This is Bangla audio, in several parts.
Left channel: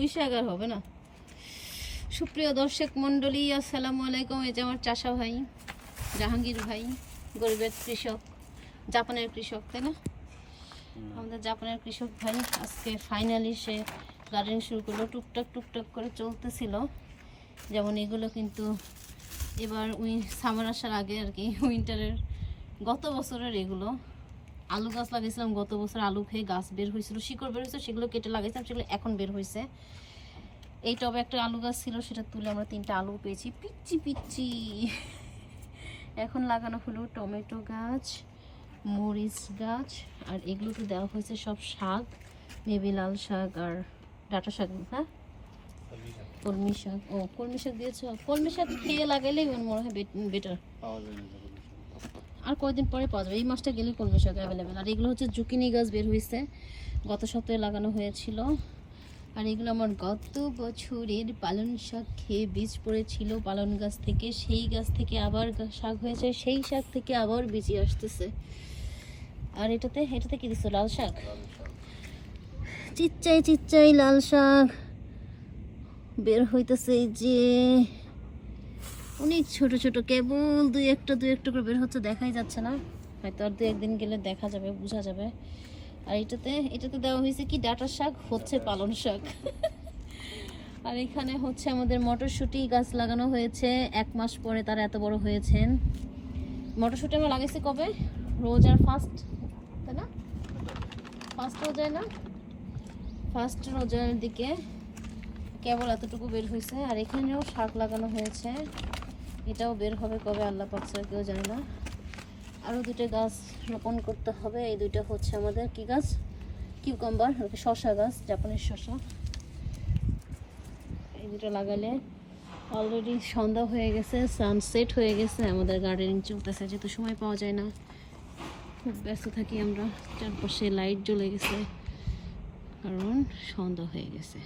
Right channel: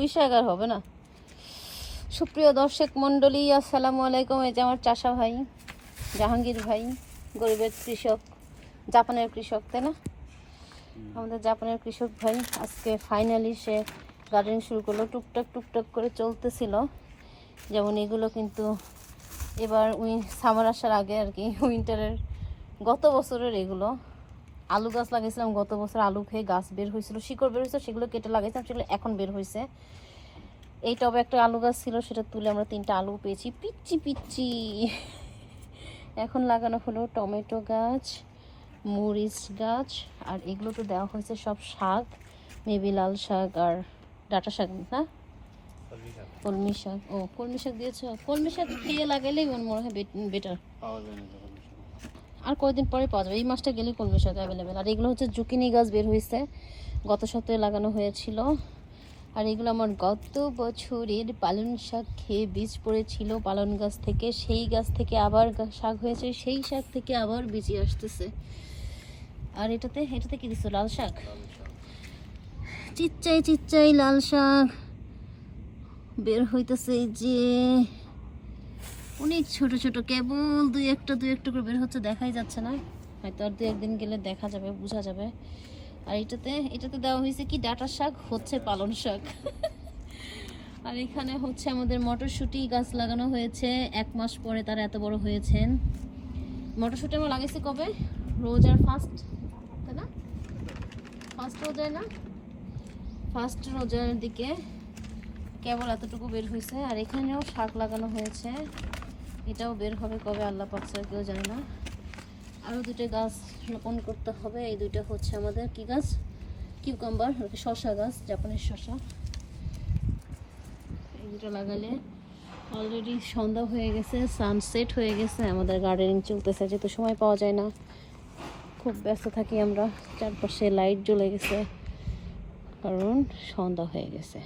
পুঁই শাক আর হবে না। সুপ্রিয় দর্শক মণ্ডলী, আসসালামু আলাইকুম। এই যে আমার চাষা ভাই জাহাঙ্গীর ভাই, গরিবের কৃষক, জাপানের কৃষক, তাই না? আমাদের জাপানের কৃষক ভাই আজকে ফাইনালি সে গার্ডেনিং শুরু করলো। টুকটাক টুকটাক করে চলতেছিল। যেমন এগুলো কিন্তু এবার সামার আসার আগে আর কি, উইন্টারের গত বছরের এগুলো আলু গাছ লাগিয়েছিলাম। গত বছর আলু খেয়ে গাছ বের হয়েছিল, শিকড় বের হয়েছে, সেগুলো কেটে লাগাইছিলাম, সেগুলো এখন বের হয়েছে। এই টবে একটা আলু গাছ ছিল, সেটা তুলে আমরা 3টা আলু পেয়েছি, পিচ্ছি পিচ্ছি। এখন লাগানো হলো টমেটো গাছ, মরিচ গাছ, আর এগুলোতে দেওয়া হয়েছে সব শাক, মেবি লাল শাক আর ডাঁটা শাক, হ্যাঁ কলমি শাক। ও কলমি শাক দিয়েছ? কলমি শাক খেয়ে লাগাইলেই মনে হয় বেটার। আর কয়েকদিন পরে পাওয়া যাবে, এই মাসটা গেলেই কলমি শাক অ্যাভেলেবেল। আর এগুলো হচ্ছে জুকিনি গাছ বের হয়েছে, গত সপ্তাহে লাগানো হয়েছিল। আর এগুলো আমার গত বছরের পালং শাক খেয়ে বীজ পড়েছিল পালং গাছ থেকে, সেই গাছ থেকে আবার শাক হয়েছে, সেই শাক থেকে আবার বীজ আসতেছে। আর এটাতে কি দিচ্ছ? লাল শাক, চিচ্চাই চিচ্চাই লাল শাক বের হইতেছে। এই যে অনেক ছোট ছোট, কেবল দুই একটা করে বের হচ্ছে, দেখাই যাচ্ছে না, হয়তো আর 2-1 দিন গেলে দেখা যাবে, বোঝা যাবে। আর এটাতে দেওয়া হয়েছে কি ডাঁটা শাক, হচ্ছে পালং শাক। আর এখানে হচ্ছে আমাদের মটরশুঁটি গাছ লাগানো হয়েছে, 1 মাস পরে তারা এত বড় হয়েছেন। মটরশুঁটি আমরা লাগাইছি কবে? রোজার ফার্স্ট, তাই না? ফার্স্ট রোজায় না, ফার্স্ট রোজার দিকে কেবল এতটুকু বের হয়েছে। আর এখানেও শাক লাগানো হয়েছে, এটাও বের হবে কবে আল্লাহ পাক ছাড়া কেউ জানে না। আরও 2টা গাছ রোপণ করতে হবে। এই 2টা হচ্ছে আমাদের কি গাছ? কিউকাম্বার, শসা গাছ, জাপানের শসা। এই 2টা লাগালে অলরেডি সন্ধ্যা হয়ে গেছে, সানসেট হয়ে গেছে। আমাদের গার্ডেনিং চলতেছে, যেহেতু সময় পাওয়া যায় না, খুব ব্যস্ত থাকি আমরা। চারপাশে লাইট জ্বলে গেছে কারণ সন্ধ্যা হয়ে গেছে।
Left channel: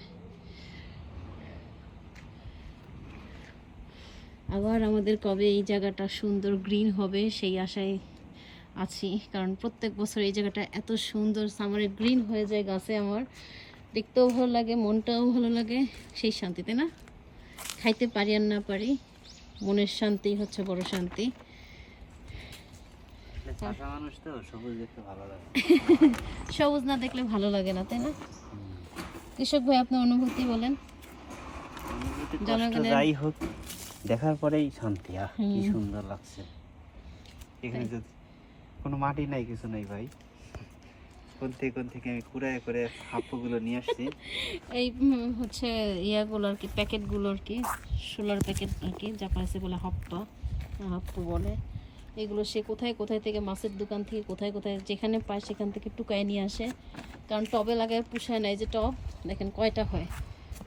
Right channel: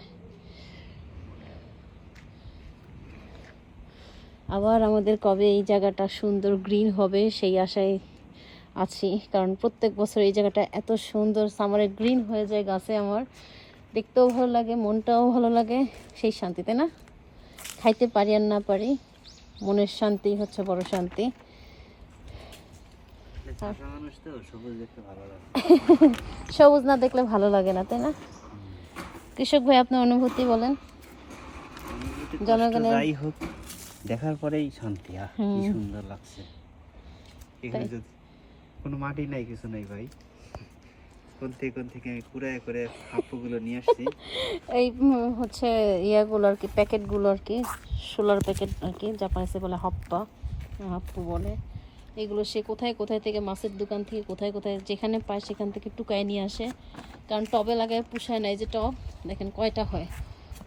আবার আমাদের কবে এই জায়গাটা সুন্দর গ্রিন হবে সেই আশায় আছি, কারণ প্রত্যেক বছর এই জায়গাটা এত সুন্দর সামারে গ্রিন হয়ে যায় গাছে। আমার দেখতেও ভালো লাগে, মনটাও ভালো লাগে, সেই শান্তিতে না, খাইতে পারি আর না পারি, মনের শান্তি হচ্ছে বড় শান্তি। সবুজ না দেখলে ভালো লাগে না, তাই না? কৃষক ভাই, আপনার অনুভূতি বলেন। জনগণের যাই হোক, দেখার পরেই শান্তি। কি সুন্দর লাগছে। এখানে যদি কোনো মাটি নাই, কিছু নাই ভাই, কোন থেকে আমি কুড়ায় করে হাপ্পুগুলো নিয়ে আসছি। এই হচ্ছে ইয়াগুলো আর কি, প্যাকেটগুলো আর কি, সোলার প্যাকেট আর কি, জাপানিসে বলে হাপ্পু বলে। এগুলো সে কোথায় থেকে, মাছের দোকান থেকে কোথায় যেখানে পায় সেখান থেকে টুকায় নিয়ে আসে। কারণ টবে লাগায় পুষায় না। এই যে টব দেখেন কয়টা হয়,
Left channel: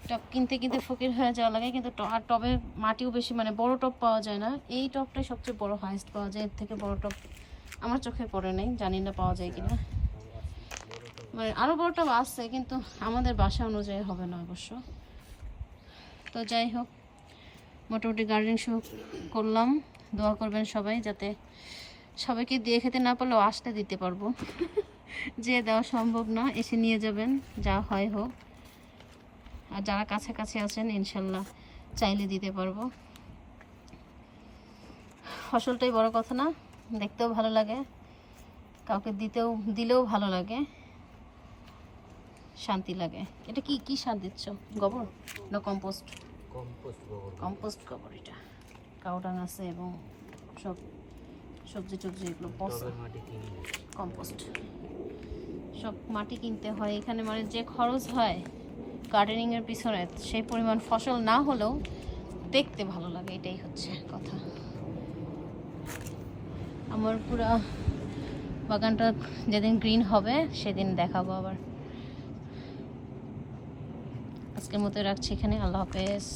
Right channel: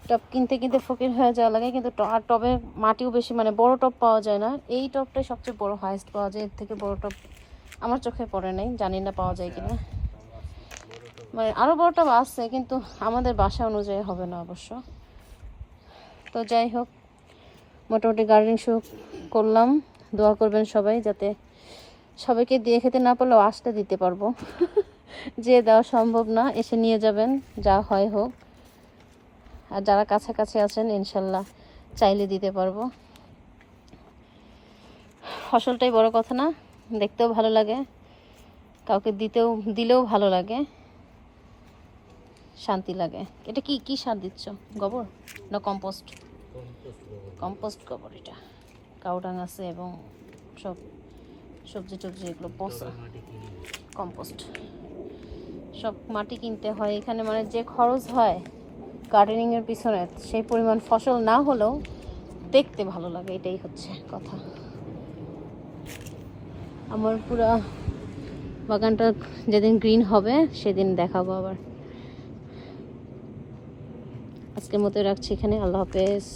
টব কিনতে ফকির হয়ে যাওয়া লাগে। কিন্তু আর টবে মাটিও বেশি, মানে বড় টব পাওয়া যায় না। এই টবটাই সবচেয়ে বড়, হাইস্ট পাওয়া যায়। এর থেকে বড় টব আমার চোখে পড়ে নাই, জানি না পাওয়া যায় কিনা। মানে আরও বড় টব আছে, কিন্তু আমাদের বাসা অনুযায়ী হবে না অবশ্য। তো যাই হোক, মোটামুটি গার্ডেনিং শুরু করলাম। দোয়া করবেন সবাই, যাতে সবাইকে দিয়ে খেতে না পারলেও আসতে দিতে পারবো। যে দেওয়া সম্ভব না, এসে নিয়ে যাবেন, যা হয় হোক। আর যারা কাছাকাছি আছেন ইনশাল্লাহ চাইলে দিতে পারবো। ফসলটাই বড় কথা না, দেখতেও ভালো লাগে, কাউকে দিলেও ভালো লাগে, শান্তি লাগে। এটা কি সার দিচ্ছ? গোবর না কম্পোস্ট? কম্পোস্ট গোবর। এটা কাউডাং আছে এবং সব সবজি টবজি এগুলো কম্পোস্ট। সব মাটি কিনতে হয় এখানে, মানে যে খরচ হয় গার্ডেনিংয়ের পিছনে, সেই পরিমাণ ফসল না হলেও দেখতে ভালো লাগে, এটাই হচ্ছে কথা। আমার পুরো বাগানটা যেদিন গ্রিন হবে সেদিন দেখাবো আবার। আজকের মতো রাখছি এখানে, আল্লাহ হাফেজ।